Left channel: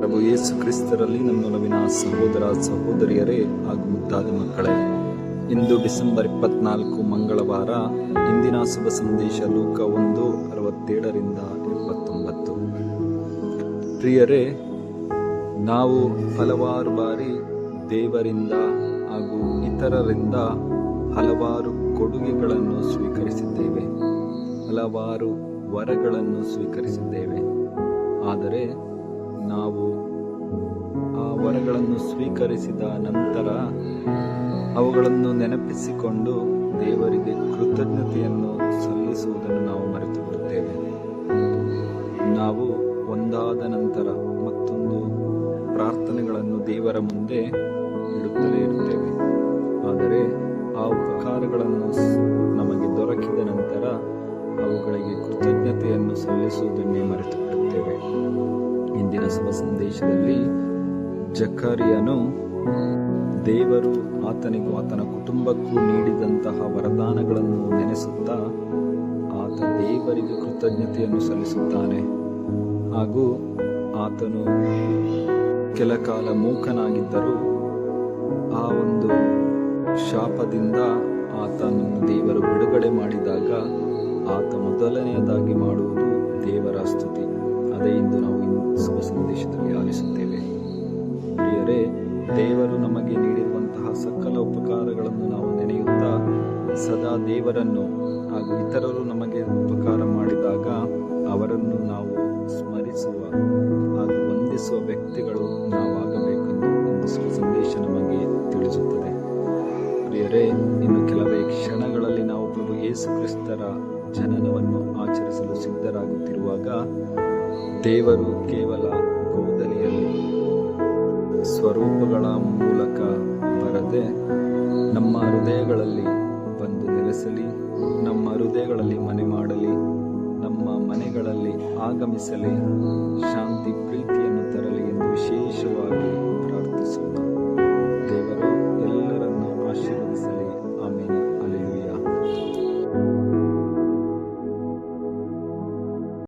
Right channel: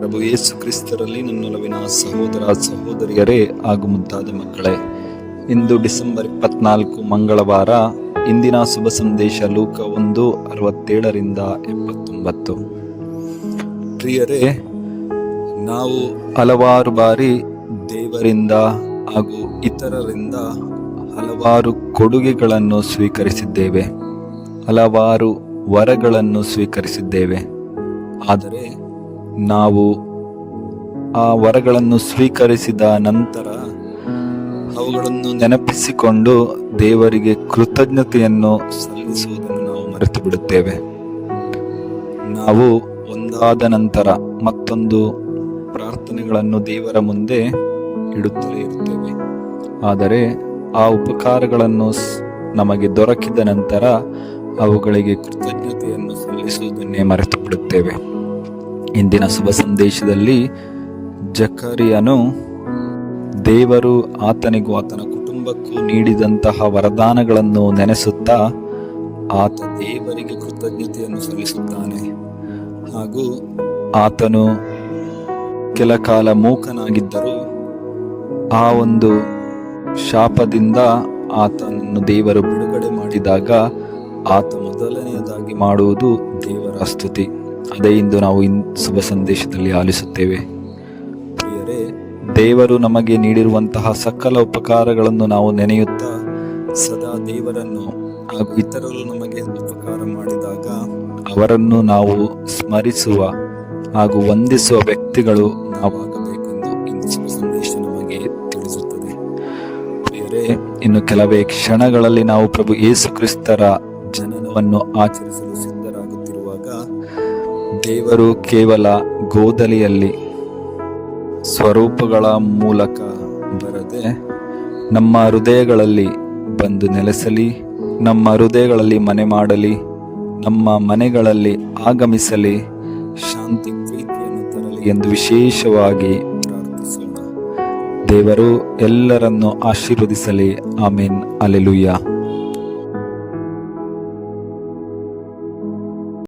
ಪ್ರಭು ಯೇಸು ಕ್ರಿಸ್ತರಲ್ಲಿ ನನ್ನೊಲವಿನ ಸಹೋದರ ಸಹೋದರಿಯರೇ ಹಾಗೂ ಮುದ್ದಾದ ಮಕ್ಕಳೇ, ಇಂದು ಡಿಸೆಂಬರ್ 24 ಮಂಗಳವಾರ. ಇಂದಿನ ಶುಭ ಸಂದೇಶ ಲೂಕ 1:67-79. ಪ್ರಿಯರೇ, ನಾವು ಹಲವಾರು ಬಾರಿ ದೇವರಿಂದ ಹಾಗೂ ಇತರರಿಂದ ಹಲವಾರು ಕೊಡುಗೆಗಳನ್ನು ಸ್ವೀಕರಿಸಿದ್ದೇವೆ, ಹಲವಾರು ವರಗಳನ್ನು ಸ್ವೀಕರಿಸಿದ್ದೇವೆ. ಆದರೆ ನಾವು ಆ ವರಗಳನ್ನು ಸ್ವೀಕರಿಸಿದ ನಂತರ ಅವುಗಳನ್ನು ನೆನಪಿಸಿಕೊಂಡು ದೇವರಿಗೆ ಕೃತಜ್ಞತೆಯನ್ನು ಸಲ್ಲಿಸುವುದನ್ನು ನಾವು ಮರೆತು ಬಿಡುತ್ತೇವೆ. ನಾವು ಒಂದಾದ ನಂತರ ಮತ್ತೊಂದು ಪ್ರಾರ್ಥನೆಗಳನ್ನು ದೇವರ ಮುಂದೆ ಇಡುತ್ತಲೇ ಇರುತ್ತೇವೆ. ಆದರೆ ಆ ಉಪಕಾರಗಳನ್ನು ನಮಗೆ ದೊರಕಿದ ನಂತರ ಅವುಗಳಿಗೆ ಕೃತಜ್ಞತೆಯನ್ನು ಸಲ್ಲಿಸುವುದನ್ನೇ ಮರೆತು ಬಿಡುತ್ತೇವೆ. ಇಂದಿನ ಶುಭ ಸಂದೇಶದಲ್ಲಿ ಜಕರಿಯನು ದೇವರು ಆತನಿಗೂ ಆತನ ಕುಟುಂಬಕ್ಕೂ ನೀಡಿದಂತಹ ವರದಾನಗಳನ್ನು ನೆನೆಸುತ್ತಾ ಆತ ದೇವರಿಗೆ ಕೃತಜ್ಞತೆಯನ್ನು ಸಲ್ಲಿಸುತ್ತಾನೆ. ಹಾಗೂ ಆತನು ಕೆಲ ಕಾಲ ಮೂಕನಾಗಿದ್ದರೂ ಆ ಒಂದು ಶಾಪದಿಂದ ಆತನನ್ನು ದೇವರು ಬಿಡುಗಡೆ ಮಾಡಿದಾಗ ಆತ ಮೊದಲನೆಯದಾಗಿ ಮಾಡುವುದು ದೇವರ ಸ್ತುತಿ. ಅದೇ ಇಂದು ನಾವು ಶುಭ ಸಂದೇಶದಲ್ಲಿ ಆಲಿಸುತ್ತೇವೆ. ಪ್ರಿಯರೇ, ದೇವರು ನಮಗೆ ನೀಡಿರುವಂತಹ ಸಕಲ ಉಪಕಾರಗಳನ್ನು ನಾವು ನೆನೆಯುತ್ತಾ ಸದಾ ದೇವರನ್ನು ಹಾಗೂ ಇತರರು ನಮಗೆ ಉಪಕಾರ ಮಾಡಿದಾಗ ಅವರನ್ನು ನಾವು ಸ್ಮರಿಸುವ ಹಾಗೂ ವಂದಿಸುವ ವ್ಯಕ್ತಿಗಳು ನಾವಾಗಬೇಕೆಂದು ಇಂದು ಶುಭ ಸಂದೇಶ ನಮಗೆ ತಿಳಿಸುತ್ತದೆ. ಪ್ರಿಯರೇ, ಇನ್ನು ಕೆಲವೇ ಕ್ಷಣಗಳಲ್ಲಿ ನಾವು ಪ್ರಭು ಯೇಸು ಕ್ರಿಸ್ತರ ಜನನವನ್ನು ಆಚರಿಸಲು ಸಿದ್ಧರಾಗುತ್ತಿರುವಾಗ ದೇವರು ಕೇವಲ ಗೋದಲಿಯಲ್ಲಿ ಸ್ವರೂಪಗಳ ಮೂಲಕ ಬರದೆ ನಮ್ಮ ಹೃದಯಗಳಲ್ಲಿ ಬಂದು ನೆಲೆಸಲಿ, ನಮ್ಮ ಹೃದಯಗಳಲ್ಲಿ ಮನೆ ಮಾಡಲಿ, ನಮ್ಮ ಮನೆಗಳಲ್ಲಿ ಆಗಮಿಸಲಿ, ಶಾಂತಿ ಪ್ರೀತಿಯನ್ನು ತರಲಿ ಎಂದು ವಿಶೇಷವಾಗಿ ಪ್ರಾರ್ಥಿಸೋಣ. ದೇವರು ಎಲ್ಲರನ್ನು ಆಶೀರ್ವದಿಸಲಿ. ಆಮೇನ್. ಹಲ್ಲೆಲೂಯಾ.